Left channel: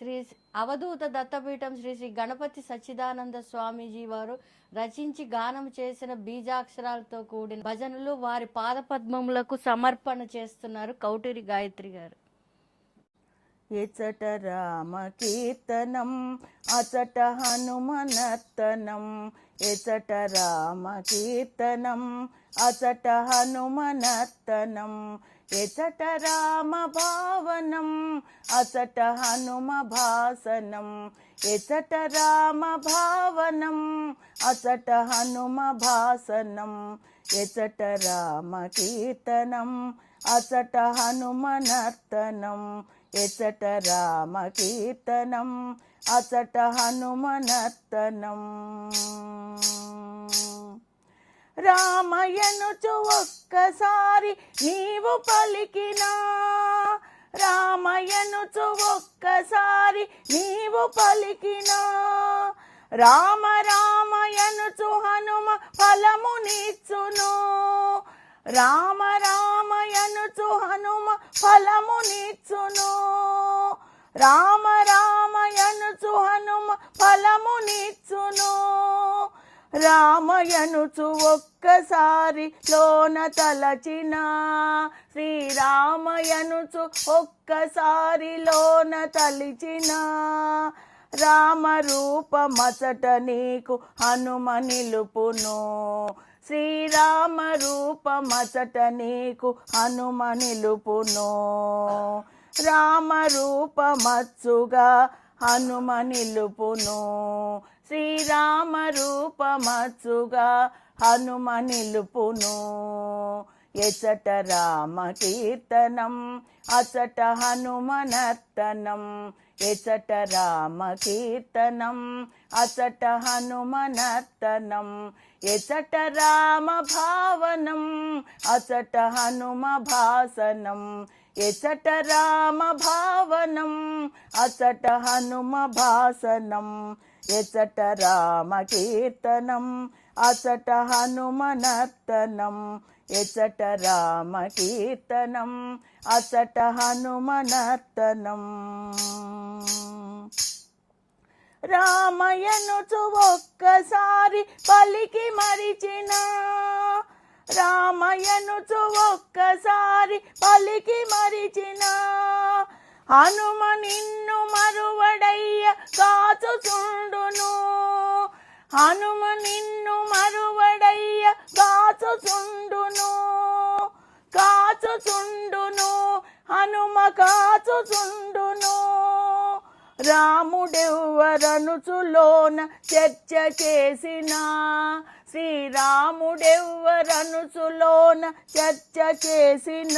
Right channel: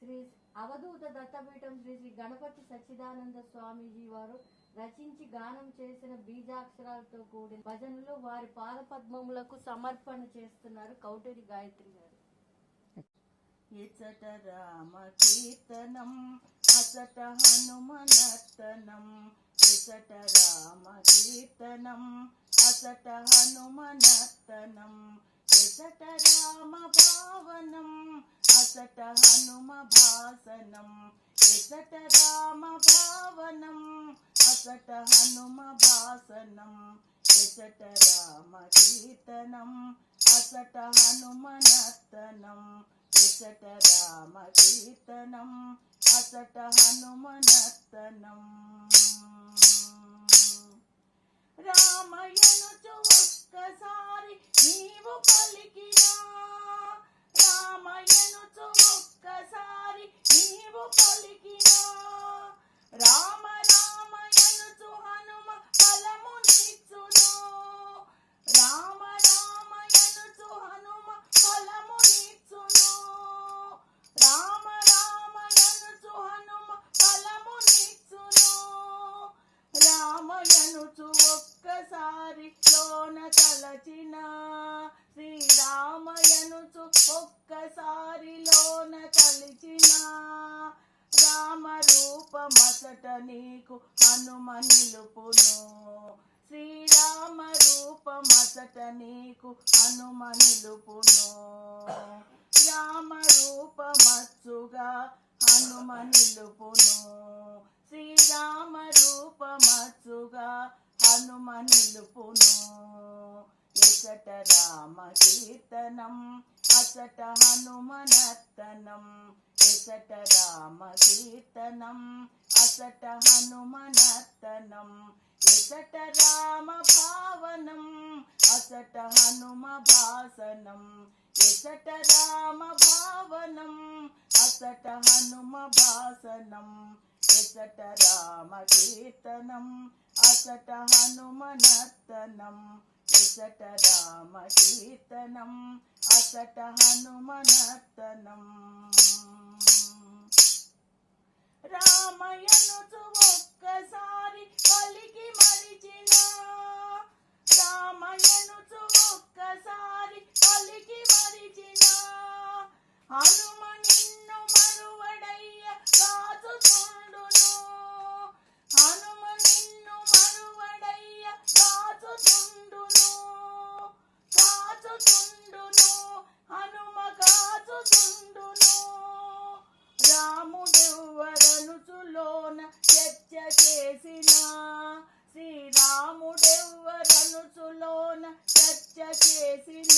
శ్రీ అవధూత దత్తపీఠం శ్రీ శ్రీ గణపతి సచ్చిదానంద స్వామీజీ వారు రచించి గానం చేసిన బీజాక్షరాలతో కూడిన భజనలు వారి పాదపద్మములకు సమర్పణ చేస్తున్నారు కౌటూరి గాయత్రి గారు. ఎచట రామ కీర్తనం అచట హనుమనర్తనం, ఎచట రామ కీర్తనం అచట హనుమనర్తనం, ఎచట రామ భావనం అచట హనుమ భాసనం, ఎచట రామ భావనం అచట హనుమ భాసనం, ఎచట రామ కీర్తనం అచట హనుమనర్తనం, ఎచట రామ కీర్తనం అచట హనుమనర్తనం. రామయనుచు ఒక్కసారి నీవు పలికినా, రామయనుచు ఒక్కసారి నీవు పలికినా, రామ రామయనుచు హనుమ ఫలమునిచ్చును, రామ రామయనుచు హనుమ ఫలమునిచ్చును, రామ రామయనుచు హనుమ ఫలమునిచ్చును, రామయనుచు ఒక్కసారి లోన తలచిన, శ్రీరామయనుచు ఒక్కసారి లోన తలిచిన, రామ రూపమచట నీకు హనుమ నిలుపును, శ్రీరామ రూపమచట నీకు హనుమ నిలుపును, రామ రూపమచ్చుగా హనుమ నిలుపును, శ్రీరామ రూపమచ్చుగా హనుమ నిలుపును, ఎచట రామ కీర్తనం అచట హనుమనర్తనం, ఎచట రామ కీర్తనం అచట హనుమనర్తనం, ఎచట రామ భావనం అచట హనుమ భాసనం, ఎచట రామ భావనం అచట హనుమ భాసనం, ఎచట రామ కీర్తనం అచట హనుమనర్తనం, ఎచట రామ కీర్తనం అచట హనుమనర్తనం. రామయనుచు ఒక్కసారి పలికి మరిచిన, రామయనుచు ఒక్కసారి పలికి మరిచిన, హనుమ నిన్ను మరువడయ్య కాచుచుండును, హనుమ నిన్ను మరువడయ్య కాచుచుండును, కాచుచుండును హనుమ కాచుచుండును, రాముడెవ్వరనుచులోన చర్చ చేసిన, శ్రీరాముడెవ్వరనుచులోన చర్చ చేసిన,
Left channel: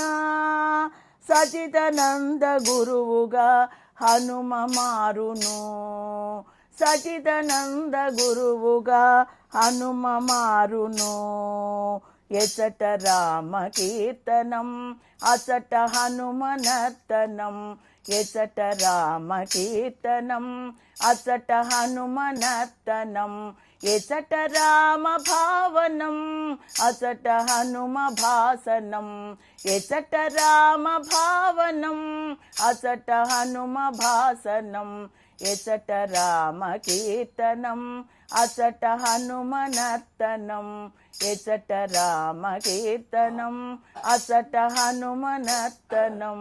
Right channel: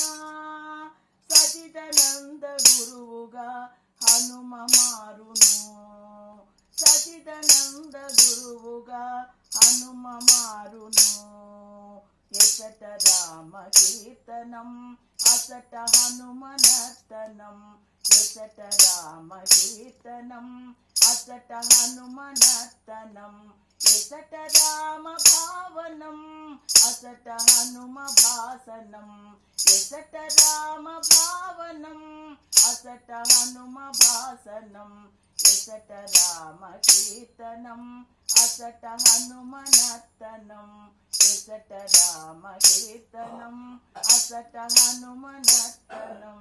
సచిదానంద గురువుగా హనుమ మారును, సచిదానంద గురువుగా హనుమ మారును, ఎచట రామ కీర్తనం అచట హనుమనర్తనం, ఎచట రామ కీర్తనం అచట హనుమనర్తనం, ఎచట రామ భావనం అచట హనుమ భాసనం, ఎచట రామ భావనం అచట హనుమ భాసనం, ఎచట రామ కీర్తనం అచట హనుమనర్తనం, ఎచట రామ కీర్తనం అచట హనుమనర్తనం.